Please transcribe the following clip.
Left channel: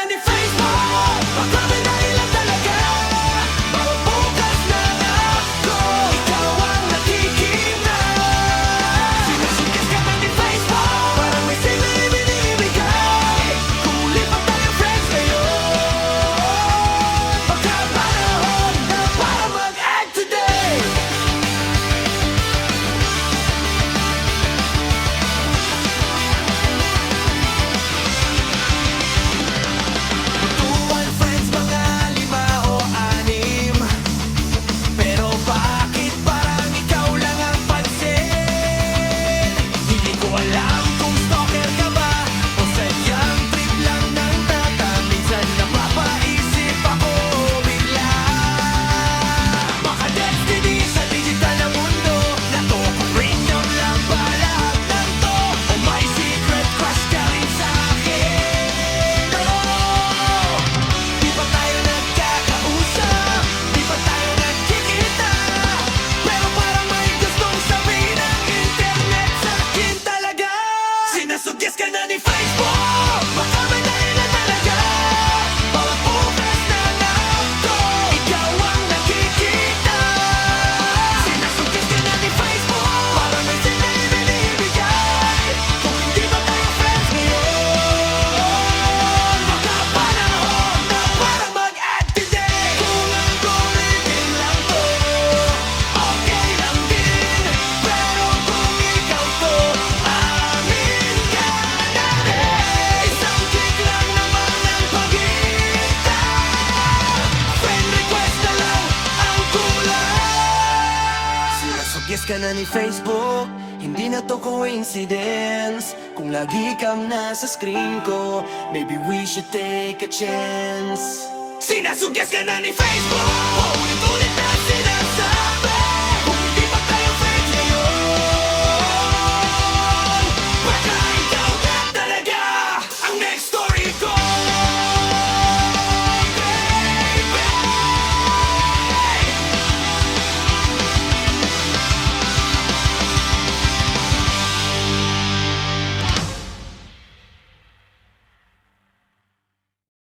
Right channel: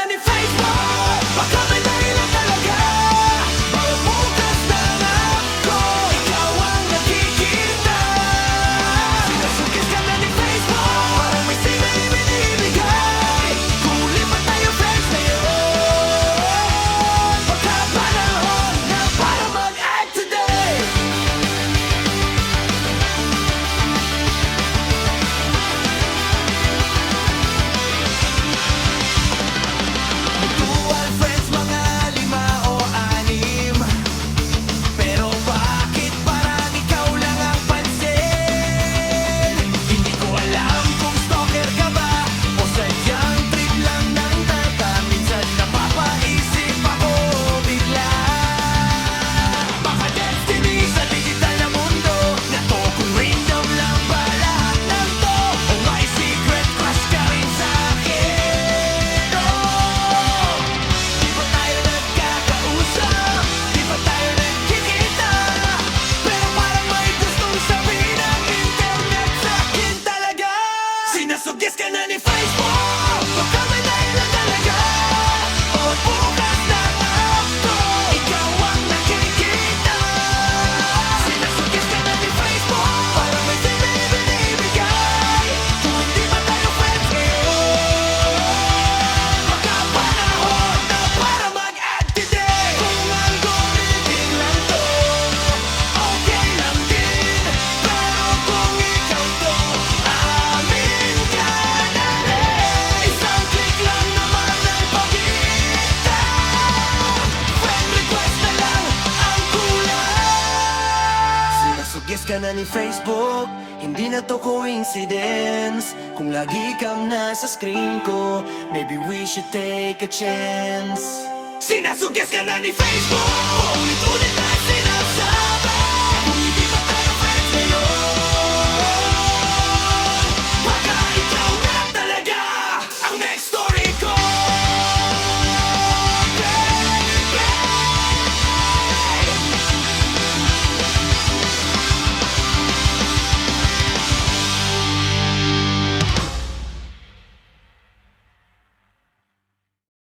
na ni Facebook. Baka may dahilan talaga. Bawat bukas ng app ko, ikaw ang nakikita. Sinasugis ka na ni Facebook. Parang may signal ibinibigay. Kung lipat tayo friends ngayon, baka panahon na para mag-act today. Mutual friends, mga 5 o 6. Pero bakit parang ikaw lang ang pansin? Hindi ko alam kung stalker ka ba o sadyang trip lang ng tata. Minsan napapaisip ako bigla. Baka destiny sa digital na mundo na to, kung random lang ba lahat ng to, o may secret crush ka rin sa akin. Oh, di pa tayo nagkakausap, di pa tayo nagkikita, pero parang may gustong sabihin ng internet sa akin talaga. Sinasugis ka na ni Facebook. Baka may dahilan talaga. Bawat bukas ng app ko, ikaw ang nakikita. Sinasugis ka na ni Facebook. Parang may signal ibinibigay. Kung hindi pa tayo friends ngayon, baka panahon na para mag-add today. Kung algorithm lang to, okay lang din. Pero kung ikaw to, amin ka na rin. Isang click lang naman ang pagitan. Friend request na lang ang kulang. Sinasugis ka na ni Facebook. Hindi na to coincidence. Kung lagi kang nasa screen ko, maybe we should take a chance. Sinasugis ka na ni Facebook.